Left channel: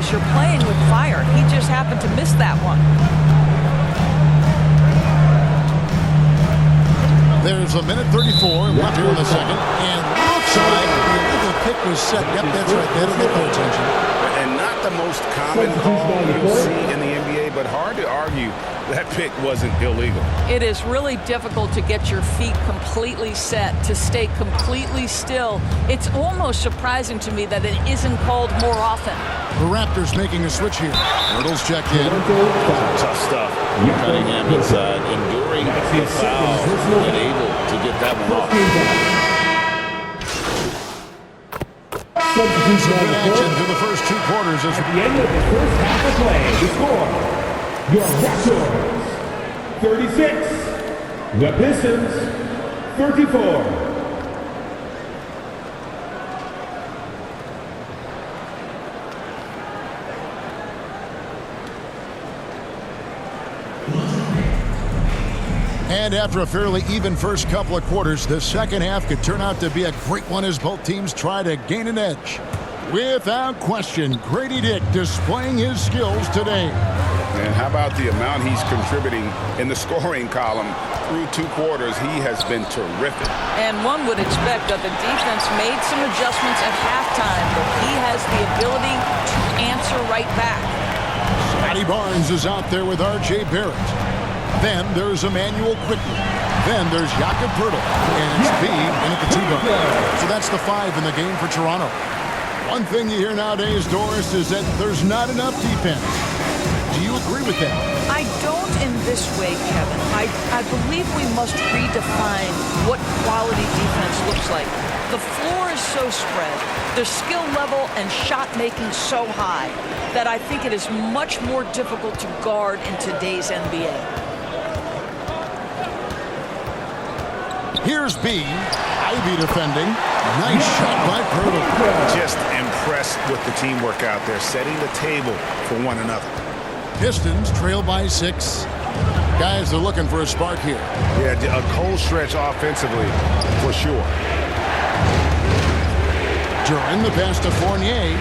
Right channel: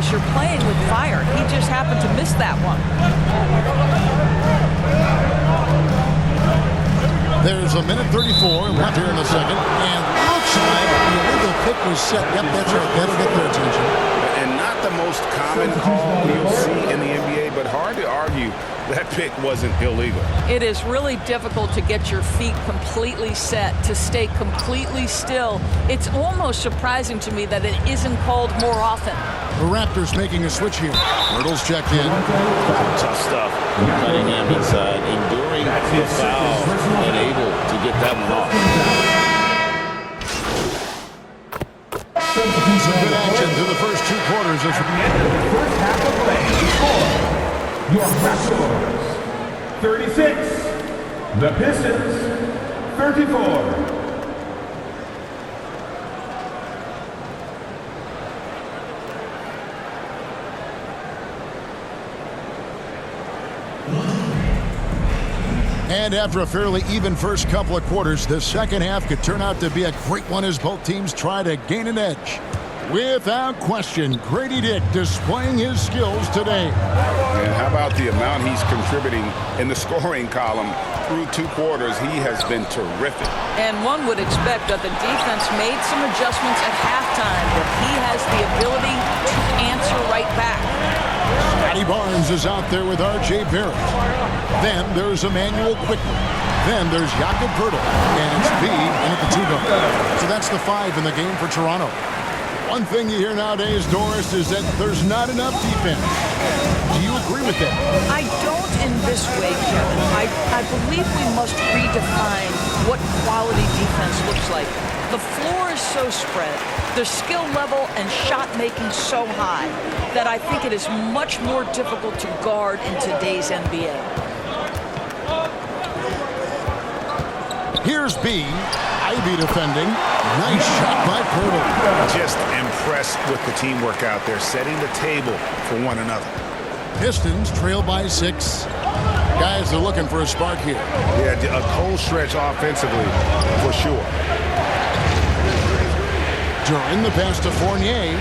knows you're playing with fire. He just happened to miss that one. There's a minute 34 left here in the second, and looks like the illegal kick was set. Yep, that's right. That'll get their attention. And not the most common call you'll see in the NBA, but hard to argue that pick wasn't illegal. It is really difficult to get your feet completely set, to stay completely still. It's almost surprising to me that it isn't called more often. The Raptors making a switch here. Hurdle's checked in. Tough stuff. Cunningham inside, enduring the foul and able to get that one off. Some good action through the first 2 quarters. At the end of the first half of play, the score, your Raptors, 36. The Pistons, 34. And after a fairly even first couple of quarters, the second half could turn out to be a great one as both teams try to gain an edge. Without question, Grady Dick displaying his skills today. And how about the amount he's contributing in the scoring column? Through 2 quarters, he has been terrific. And one would expect that the defense made some adjustments at halftime, but he has the ability to answer right back. Scotty Barnes is out there with R.J. Barrett. Then there's Emmanuel Quickly. Then there's Jakob Poeltl. And it's B in at the 2 guard. So that's the 5 in the game for Toronto. One thing you hear nowadays, Doris, is that there's not enough defense. Do you agree with that? I don't in this way, Kevin. I believe we must redefine what quality defense looks like. The floor is so spread, the skill level and shot making so high that I think it is much more difficult to guard in today's NBA. Here's B. Ivy defending. Nice shot by Poeltl. Just impressed with the teamwork out there, setting the table for one another. Pistons trail by 6. Guys, they're looking for a spark here. Yeah, a cold stretch offensively, for sure. During the pass to Fournier.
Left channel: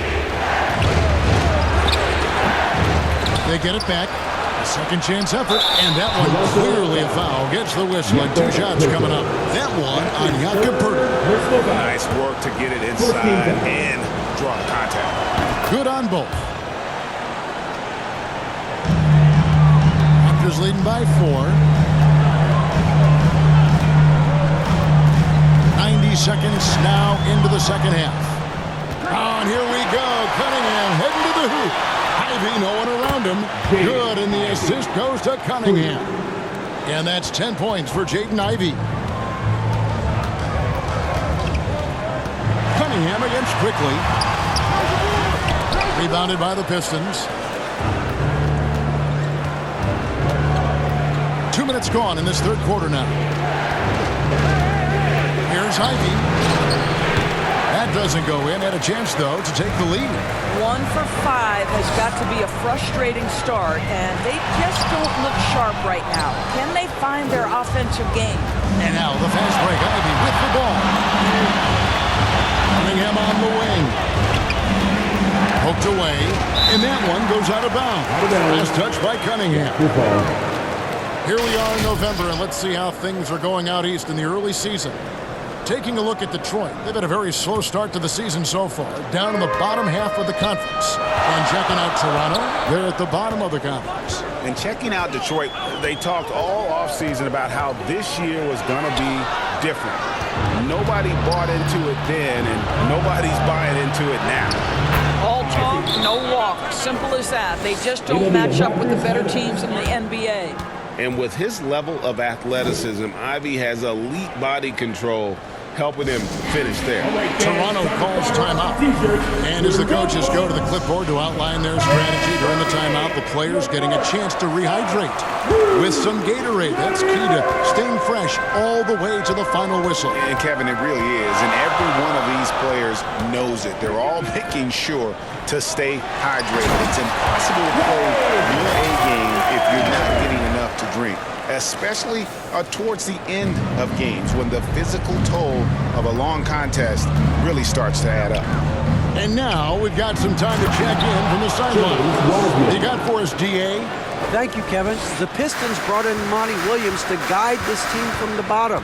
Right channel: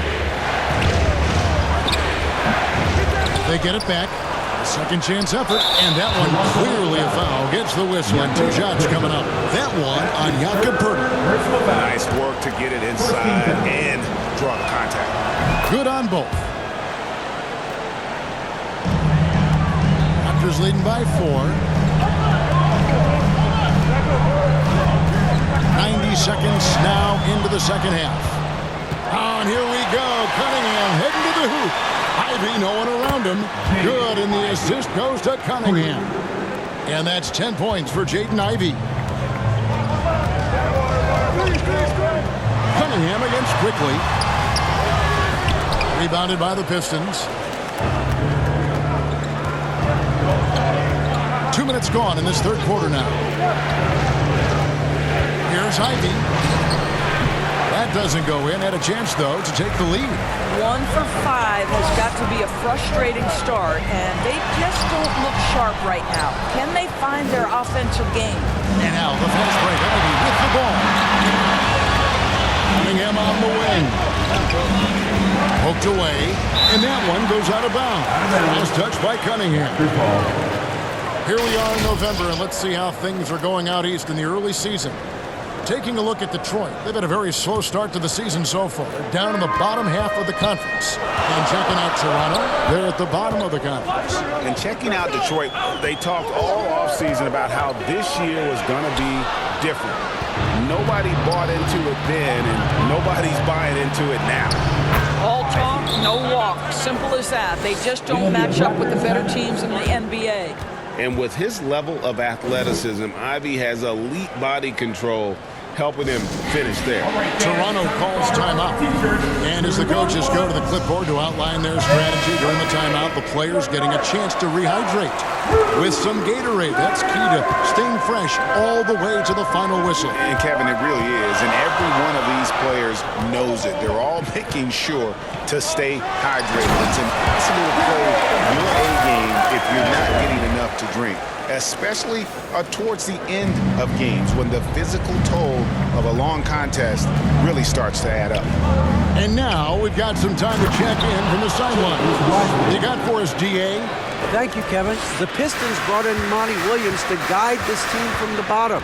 They get it back. A second chance effort, and that one clearly a foul. Gets the whistle, and 2 shots coming up. That one on Jakob Poeltl. Nice work to get it inside and draw the contact. Good on both. Raptors leading by 4. 90 seconds now into the second half. Oh, and here we go. Cunningham heading to the hoop. Ivy, no one around him. Good, and the assist goes to Cunningham. And that's 10 points for Jaden Ivey. Cunningham against Quickly. Rebounded by the Pistons. 2 minutes gone in this third quarter now. Here's Ivy. That doesn't go in. Had a chance, though, to take the lead. 1 for 5 has got to be a frustrating start, and they just don't look sharp right now. Can they find their offensive game? And now the fast break. Ivy with the ball. Cunningham on the wing. Poked away, and that one goes out of bounds. Last touch by Cunningham. Here we are in November, and let's see how things are going out east in the early season. Taking a look at Detroit, they've had a very slow start to the season so far, down in the bottom half of the conference. And checking out Toronto, they're at the bottom of the conference. And checking out Detroit, they talked all offseason about how this year was going to be different. Nobody bought into it then, and nobody's buying into it now. All talk, no walk. Simple as that. They just don't match up with the better teams in the NBA. And with his level of athleticism, Ivy has elite body control, helping him finish there. Toronto calls timeout. And as the coaches go to the clipboard to outline their strategy during the timeout, the players getting a chance to rehydrate with some Gatorade. That's key to staying fresh all the way to the final whistle. And Kevin, it really is. And every one of these players knows it. They're all making sure to stay hydrated. It's impossible to play your A game if you're not getting enough to drink, especially towards the end of games when the physical toll of a long contest really starts to add up. And now we've got some time to check in from the sideline. You got for us, DA? Thank you, Kevin. The Pistons brought in Monty Williams to guide this team from the bottom.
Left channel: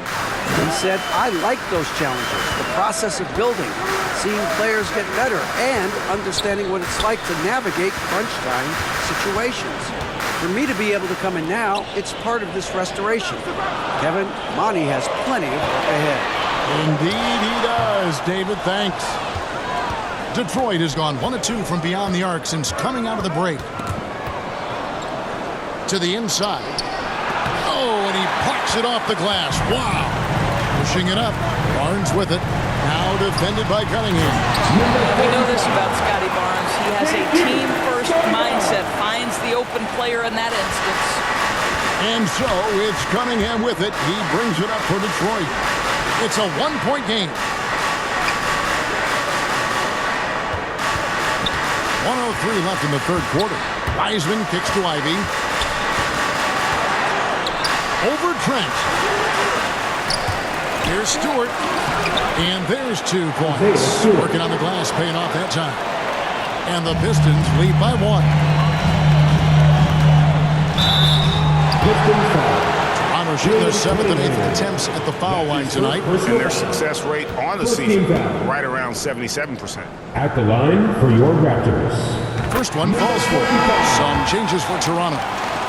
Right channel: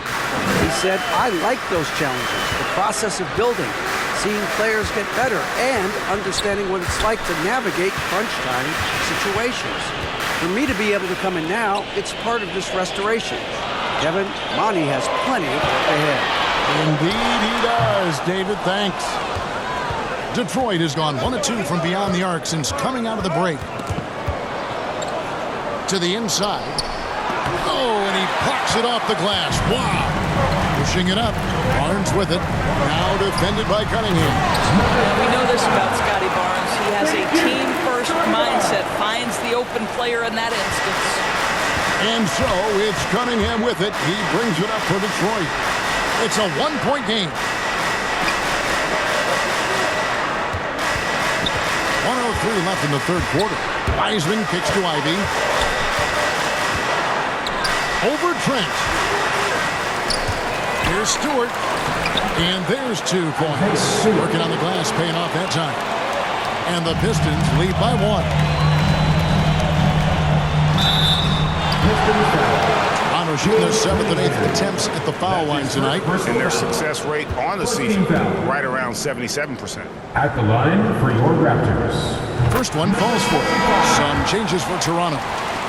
He said, I like those challenges, the process of building, seeing players get better, and understanding what it's like to navigate crunch time situations. For me to be able to come in now, it's part of this restoration. Kevin, Monty has plenty of work ahead. Indeed he does, David. Thanks. Detroit has gone 1 of 2 from beyond the arc since coming out of the break. To the inside. Oh, and he plucks it off the glass. Wow. Pushing it up. Barnes with it. Now defended by Cunningham. Yeah, we know this about Scotty Barnes. He has a team-first mindset. Finds the open player in that instance. And so it's Cunningham with it. He brings it up for Detroit. It's a 1-point game. 1:03 left in the third quarter. Wiseman kicks to Ivy. Over Trent. Here's Stewart. And there's 2 points. Working on the glass, paying off that time. And the Pistons lead by 1. Toronto shooting their 7th and 8th attempts at the foul line tonight. And their success rate on the season, right around 77%. At the line for your Raptors. First one falls for. Some changes for Toronto.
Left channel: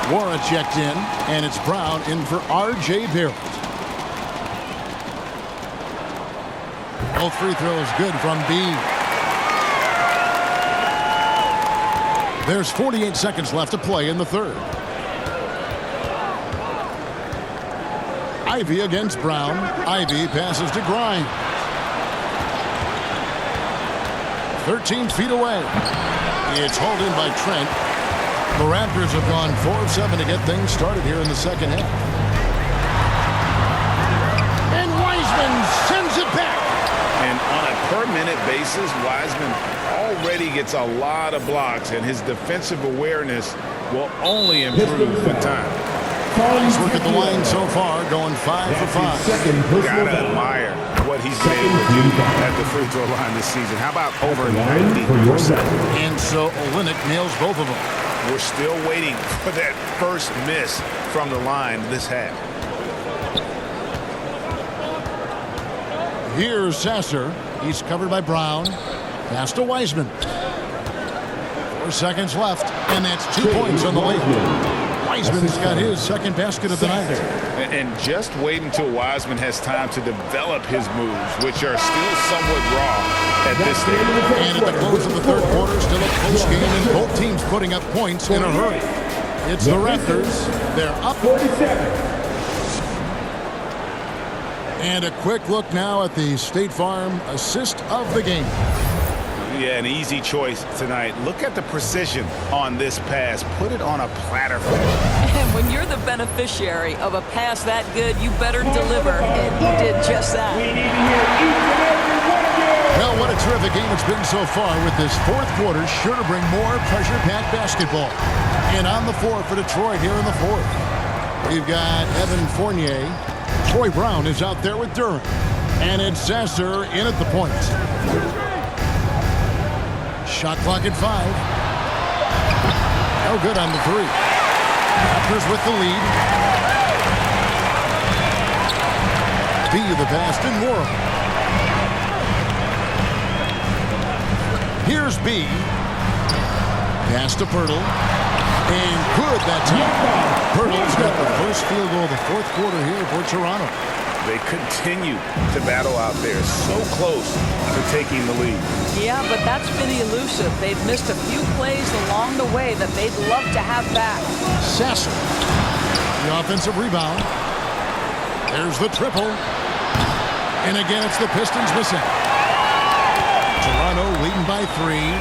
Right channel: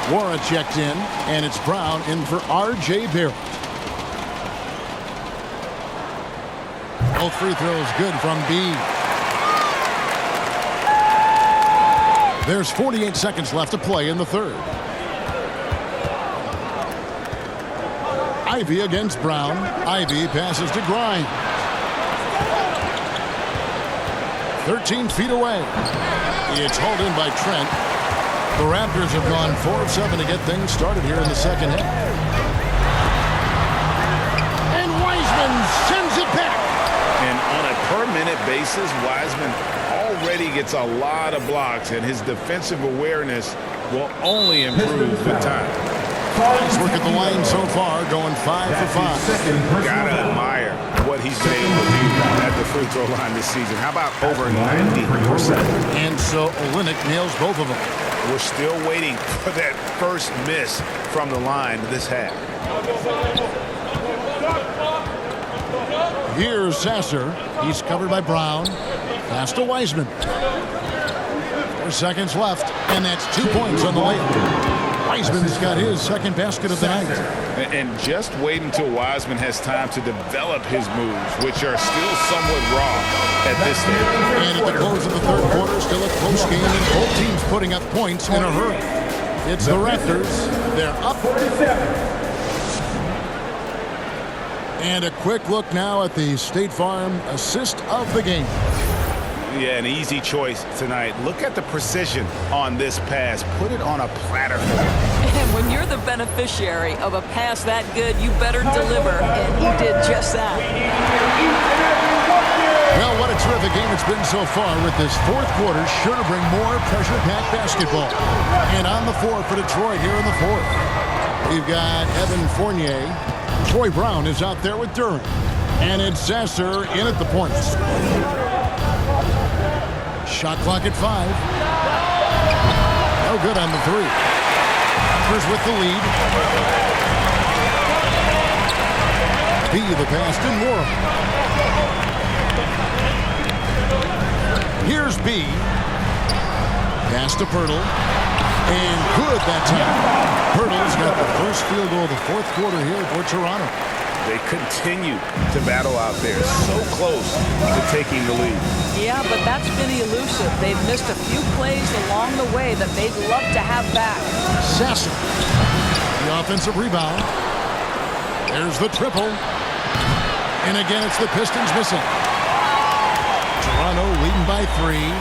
Wara checked in, and it's Brown in for R.J. Barrett. Both free throws good from B. There's 48 seconds left to play in the third. Ivy against Brown. Ivy passes to Grimes. 13 feet away. It's hauled in by Trent. The Raptors have gone 4 of 7 to get things started here in the second half. And Wiseman sends it back. And on a per-minute basis, Wiseman already gets a lot of blocks, and his defensive awareness will only improve with time. Nice work at the line so far, going 5 for 5. Gotta admire what he's been able to do at the free throw line this season. How about over 90%? And so Olynyk nails both of them. We're still waiting for that first miss from the line this half. Here's Sasser. He's covered by Brown. Pass to Wiseman. 4 seconds left, and that's 2 points on the layup. Wiseman's got his second basket of the night. And just wait until Wiseman has time to develop his moves, which are still somewhat raw at this stage. And at the close of the third quarter, still a close game, and both teams putting up points in a hurry. It's the Raptors. They're up 47. And a quick look now at the State Farm assist of the game. Yeah, an easy choice tonight. Look at the precision on this pass. Put it on a platter for him. And when you're the beneficiary of a pass that good, you better deliver. And he did just that. We need to hear each and every one of you. Well, what a terrific game it's been so far, with this fourth quarter sure to bring more pressure-packed basketball. And on the floor for Detroit here in the fourth, we've got Evan Fournier. Troy Brown is out there with Durant. And it's Sasser in at the points. Shot clock at 5. No good on the 3. Raptors with the lead. B the pass to Morrow. Here's B. Pass to Pirtle. And good that time. Pirtle's got the first field goal of the fourth quarter here for Toronto. They continue to battle out there, so close to taking the lead. Yeah, but that's been elusive. They've missed a few plays along the way that they'd love to have back. Sasser. The offensive rebound. There's the triple. And again, it's the Pistons missing. Toronto leading by 3.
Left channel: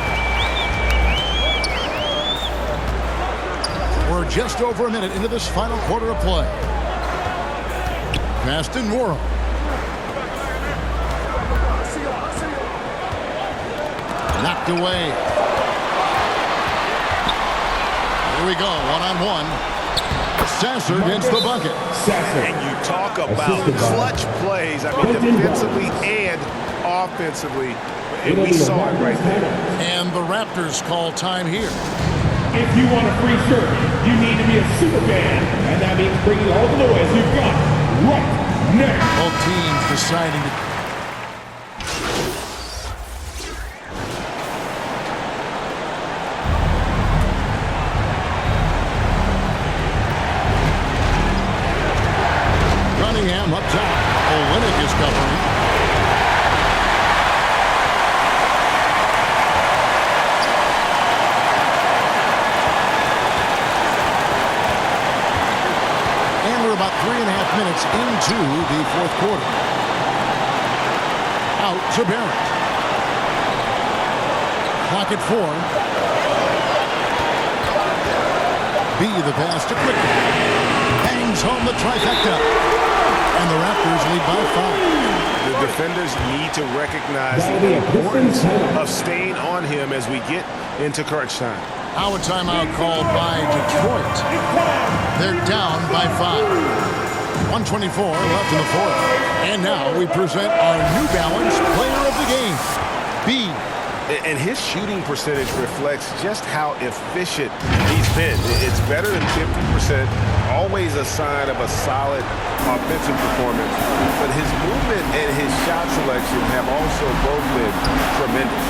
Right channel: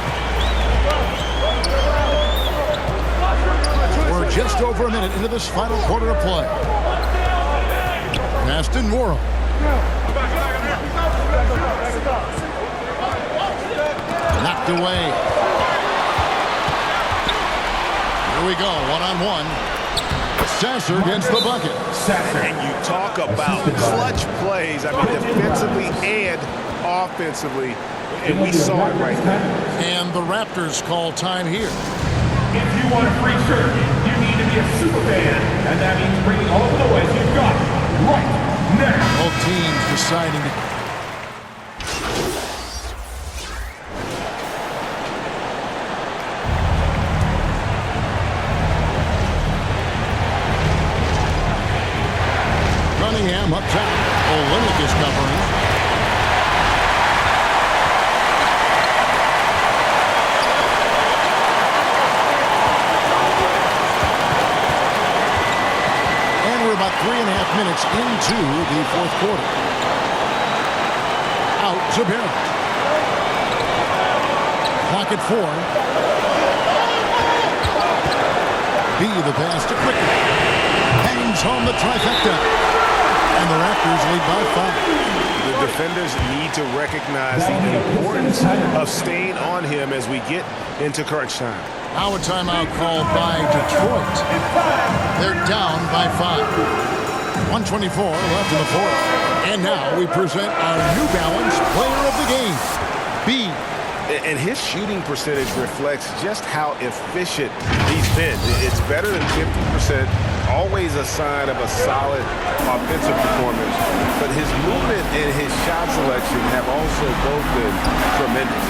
We're just over a minute into this final quarter of play. Pass to Morrow. Knocked away. Here we go, one-on-one. Sasser gets the bucket. And you talk about clutch plays. I mean, defensively and offensively, And we saw it right there. And the Raptors call time here. If you want a free shirt, you need to be a super fan, and that means bringing all the noise you've got right now. Both teams deciding to... Cunningham up top. Olynyk is covering. And we're about 3.5 minutes into the fourth quarter. Out to Barrett. Clock at 4. B the pass to Quickly. Hangs home the trifecta. And the Raptors lead by 5. The defenders need to recognize the importance of staying on him as we get into crunch time. Now a timeout called by Detroit. They're down by 5. 1:24 left in the fourth. And now we present our New Balance player of the game, B. And his shooting percentage reflects just how efficient he's been. It's better than 50%, always a sign of a solid offensive performance. But his movement and his shot selection have also both been tremendous.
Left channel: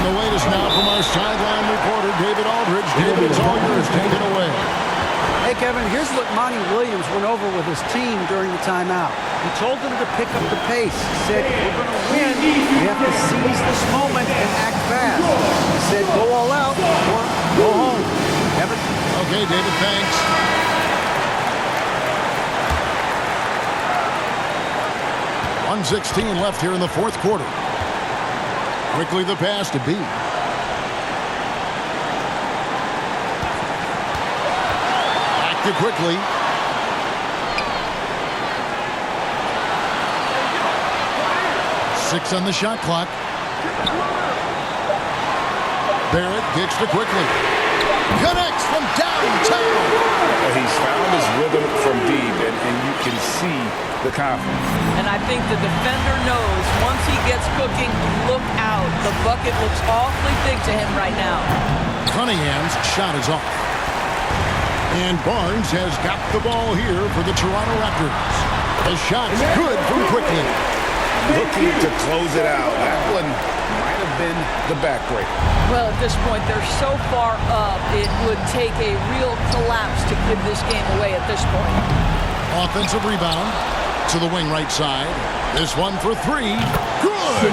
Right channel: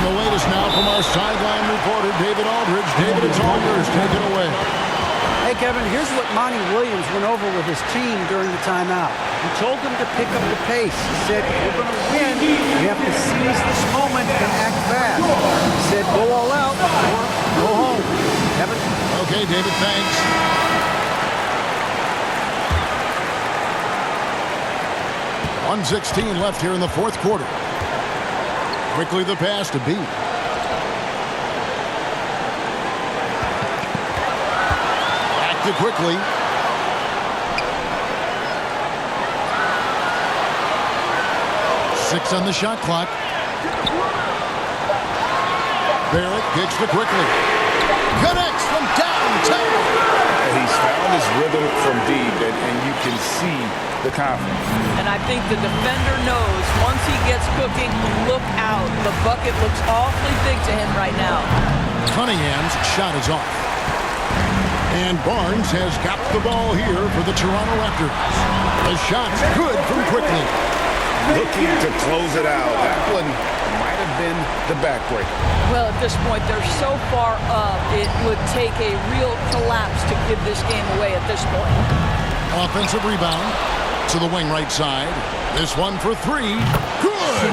And the latest now from our sideline reporter, David Aldridge. David, it's all yours. Take it away. Hey, Kevin, here's what Monty Williams went over with his team during the timeout. He told them to pick up the pace. He said, if we're going to win, we have to seize this moment and act fast. He said, go all out or go home. Kevin? Okay, David, thanks. .116 left here in the fourth quarter. Quickly the pass to B. Active quickly. Six on the shot clock. Barrett kicks to Quickly. Connects from downtown. He's found his rhythm from deep, and you can see the confidence. And I think the defender knows once he gets cooking, look out. The bucket looks awfully big to him right now. Cunningham's shot is off. And Barnes has got the ball here for the Toronto Raptors. The shot's good from Quickly. Looking to close it out. That one might have been the backbreaker. Well, at this point, they're so far up, it would take a real collapse to give this game away at this point. Offensive rebound to the wing right side. This one for 3. Good!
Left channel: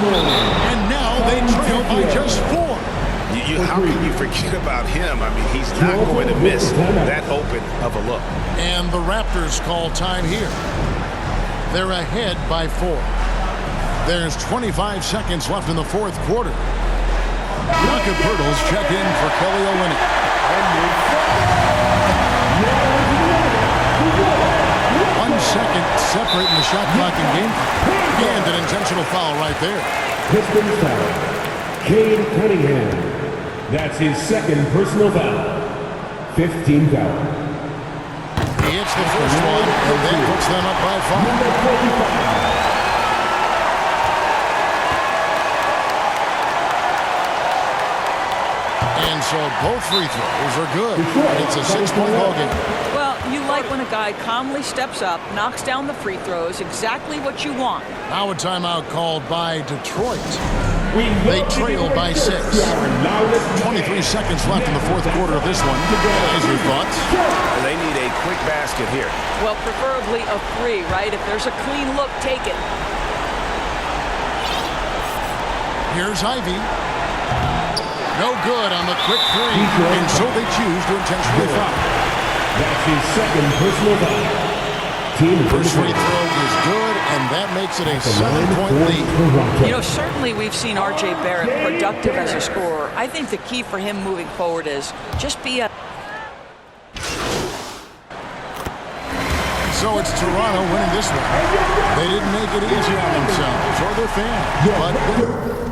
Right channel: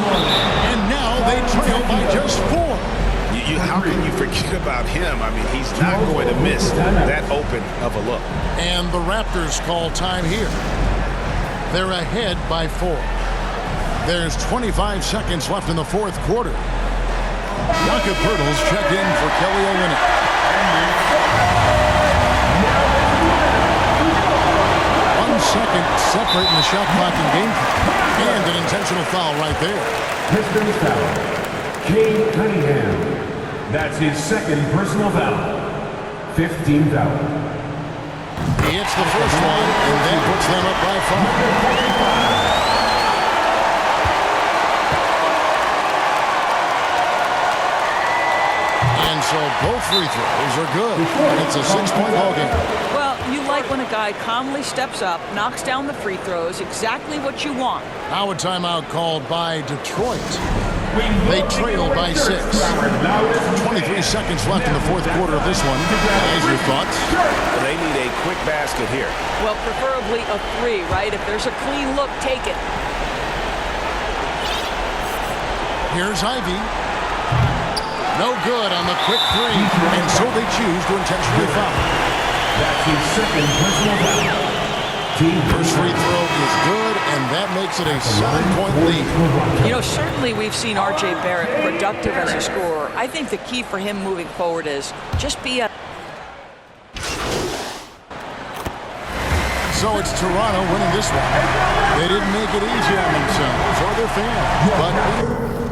And now they trail by just 4. How can you forget about him? I mean, he's not going to miss that open of a look. And the Raptors call time here. They're ahead by 4. There's 25 seconds left in the fourth quarter. Jakob Poeltl's checked in for Kelly Olynyk. 1 second separating the shot clock and game clock. And an intentional foul right there. Pistons foul. Cade Cunningham. That's his second personal foul. 15 foul. He hits the first one, and that puts them up by 5. Number 45. And so both free throws are good. And it's a 6-point ball game. Well, you like when a guy calmly steps up, knocks down the free throws, exactly what you want. Now a timeout called by Detroit. They trail by 6. 23 seconds left in the fourth quarter of this one. Guys, your thoughts? They need a quick basket here. Well, preferably a 3, right? If there's a clean look, take it. Here's Ivy. No good on the quick 3, and so they choose to intentionally foul. That's his second personal foul. First free throw is good, and that makes it a 7-point lead. You know, certainly we've seen R.J. Barrett productive as a scorer. I think the key for him moving forward is just be a... So it's Toronto winning this one. They didn't make it easy on themselves or their fans, but...